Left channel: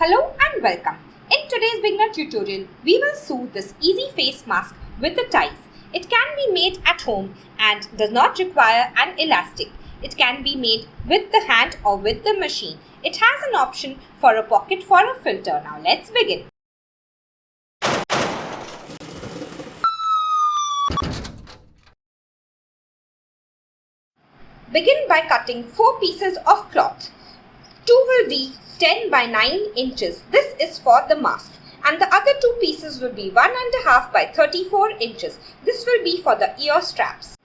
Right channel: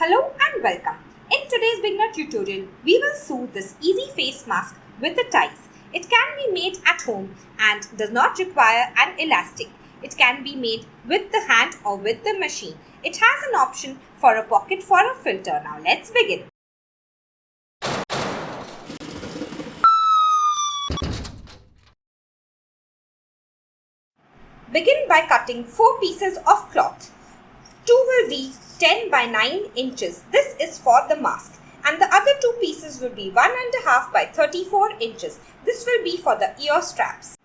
Hello and welcome. In today's beginner tutorial, we will sew this easy face mask with the ties. It can be made at home and does not require an elastic. It can be made with the hand or with the machine. It has an option for a pocket for a filter. Now let's begin. Begin by cutting 4 pieces of cloth. 2 will be 10 by 9 inches. This is for the mask. And the other 2 pieces will be 1.5 by 34 inches. This will be for the ear straps.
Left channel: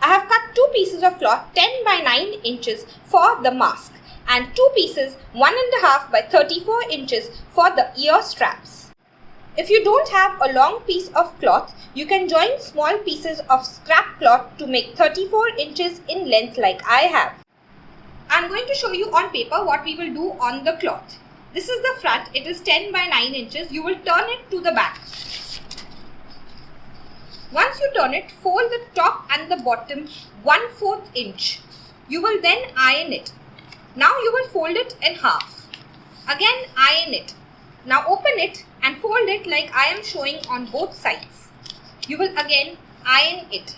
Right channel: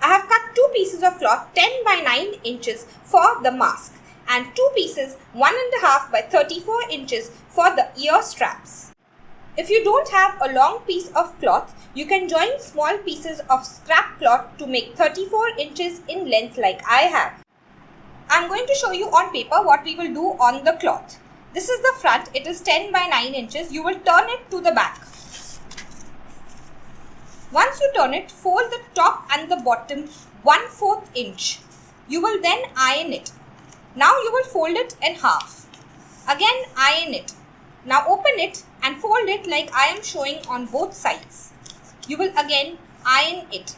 I have cut 2 pieces of cloth 10 by 9 inches for the mask and 2 pieces 1.5 by 34 inches for the ear straps. If you don't have a long piece of cloth, you can join small pieces of scrap cloth to make 34 inches in length like I have. I am going to show you on paper what we will do on the cloth. This is the front. It is 10 by 9 inches. You will turn it to the back. Once you turn it, fold the top and the bottom 1/4 inch. You will then iron it. Now you will fold it in half. Again iron it. Now open it and fold it like I am showing on both sides. You will again iron it.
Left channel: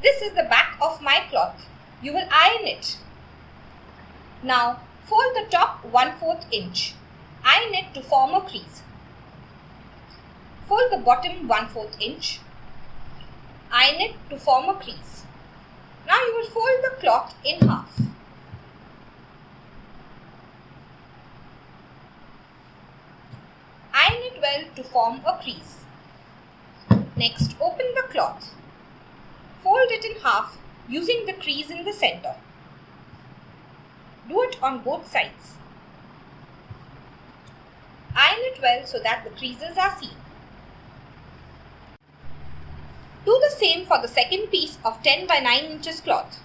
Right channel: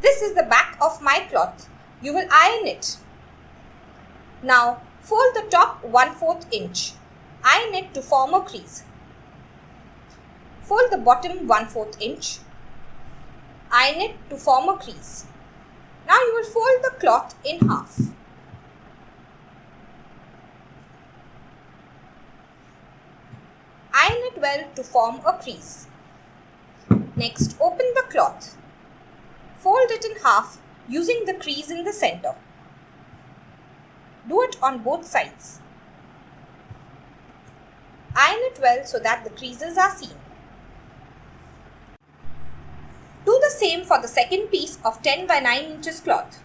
This is the back of my cloth. You will iron it. Now fold the top 1/4 inch. Iron it to form a crease. Fold the bottom 1/4 inch. Iron it to form a crease. Now you will fold the cloth in half. Iron it well to form a crease. Next, open the cloth. Fold it in half using the crease in the center. Do it on both sides. Iron it well so that the creases are seen. Do the same for the second piece of 10 by 9 inches cloth.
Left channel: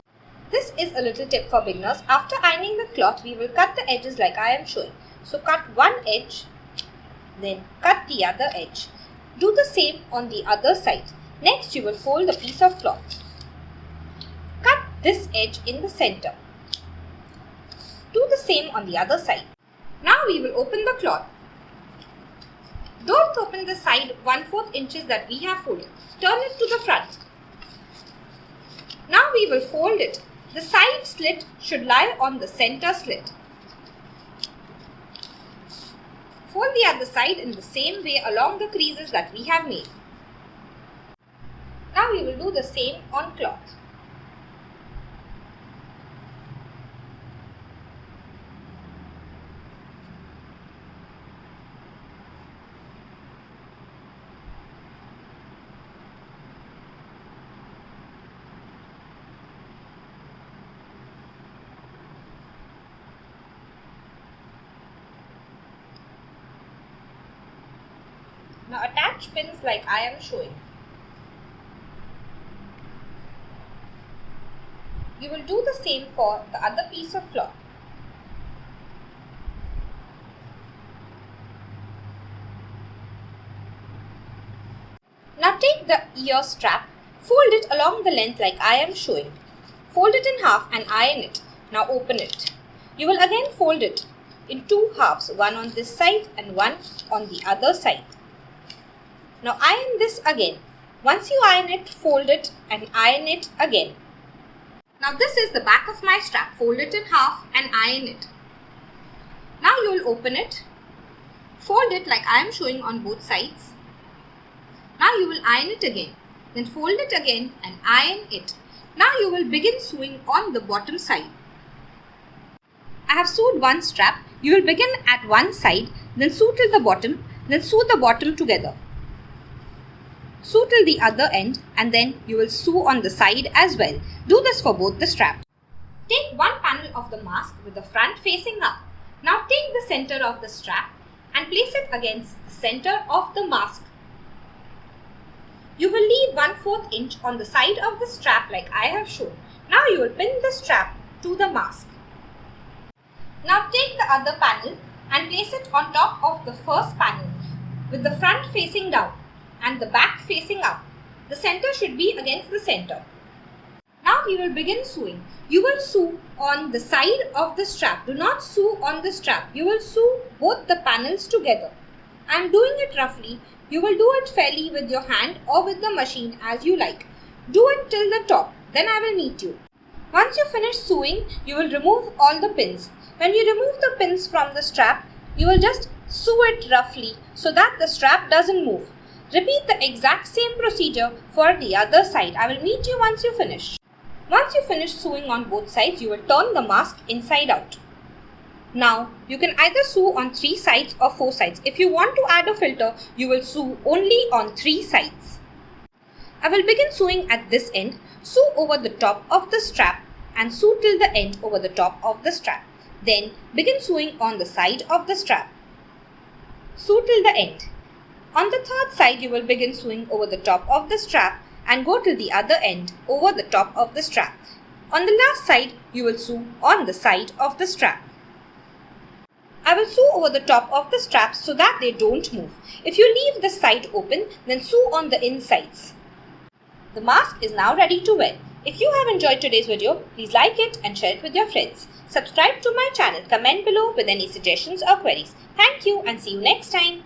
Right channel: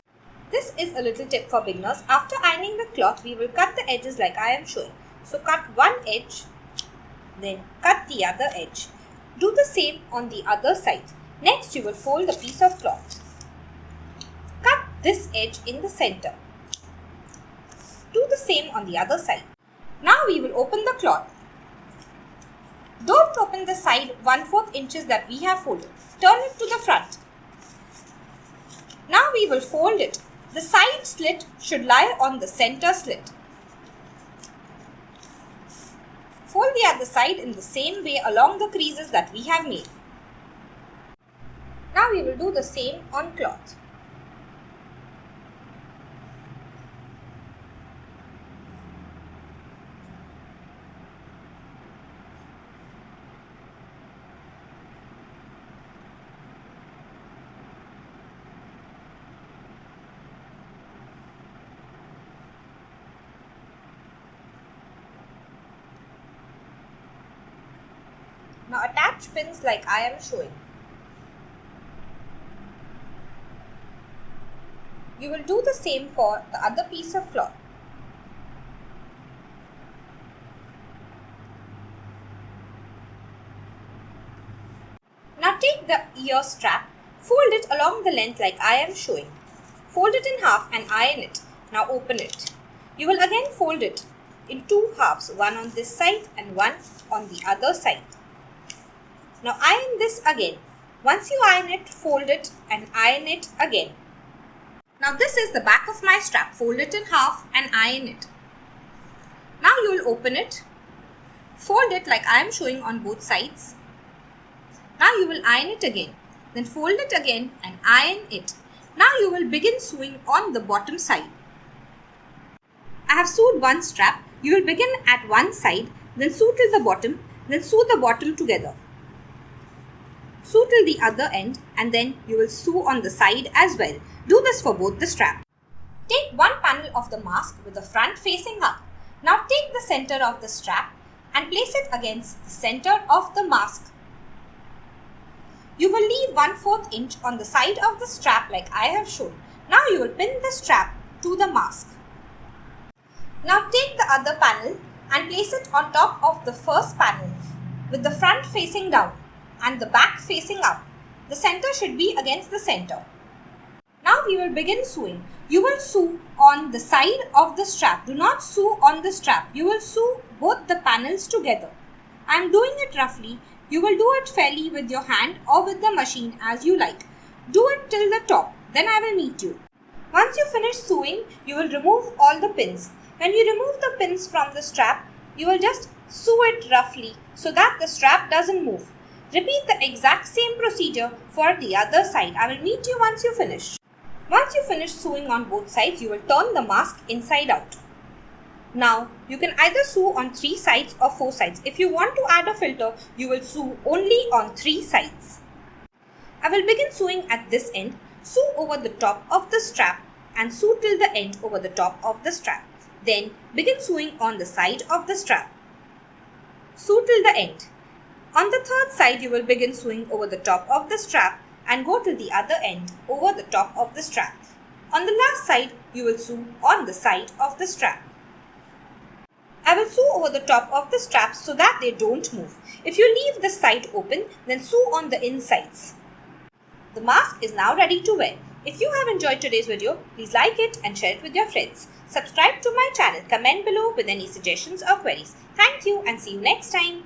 This is a little tip for beginners. After ironing the cloth, we will cut the edges like I am showing. So cut one edge, then cut the other edge. Do the same on the other side. Next, you will fold the piece of cloth. Cut this edge in the center. Do the same on the other side. Now we will open the cloth. Don't open the side 1/4 inches that we have folded. Turn it to the front. Now we will fold it. The side slit should lie on the center slit. Fold the other side in the same way along the creases that we have made. Now we will do the same on cloth. Now attach pins like I am showing. You will do the same for the other piece of cloth. Now take the ear strap, fold it along the length like I am showing. Fold it in half and iron it. Now open it. You will again fold it in 2 halves, one on this side and one on the other side. Now iron this again. Once you iron it, fold it and iron it again. Now this is the back of my strap. Fold it in half and iron it. Now you will open it. Fold it like I am showing on both sides. Now you will iron it again. Then fold it again and iron it. Now you will begin sewing on the bottom side. I have sewed one strap. You will begin at one side, then sew till the bottom, then sew the bottom together. Sew till the other end and then you will sew on the side as well. Do this for both the straps. Take one panel of the mask with the front facing up. Now take the center of the strap and place it against the center of the mask. You will leave 1/4 inch on the side of the strap like I have shown. Now you will pin the strap to the mask. Now take the other panel and place it on top of the first panel with the front facing down and the back facing up. The center should be against the center. Now we will begin sewing. You will sew on the side of the strap. Do not sew on the strap. You will sew both the panels together. I am doing it roughly. You will do it fairly with your hand or with the machine as you like. Do it till the top. Then I will meet you. Once you finish sewing, you will remove all the pins. When you remove the pins from the strap, you will just sew it roughly so that the strap doesn't move. Repeat the exact same procedure for the other side. I will meet you once you finish. Once you finish sewing on both sides, you will turn the mask inside out. Now, you can either sew on 3 sides or 4 sides. If you want to add a filter, you will sew only on 3 sides. I will begin sewing at this end. Sew over the top of the strap and sew till the end over the top of the strap. Then begin sewing on the side of the strap. Sew till the end. On the third side, you will begin sewing over the top of the strap and go till the other end over the top of the strap. On the last side, you will sew on the side of the strap. I will sew over the top of the straps so that they don't move. If you leave the side open, then sew on the insides. The mask is now ready to wear. If you have enjoyed today's video, please like it and share it with your friends. Subscribe to my channel, comment below with any suggestions or queries. Thank you and see you next time.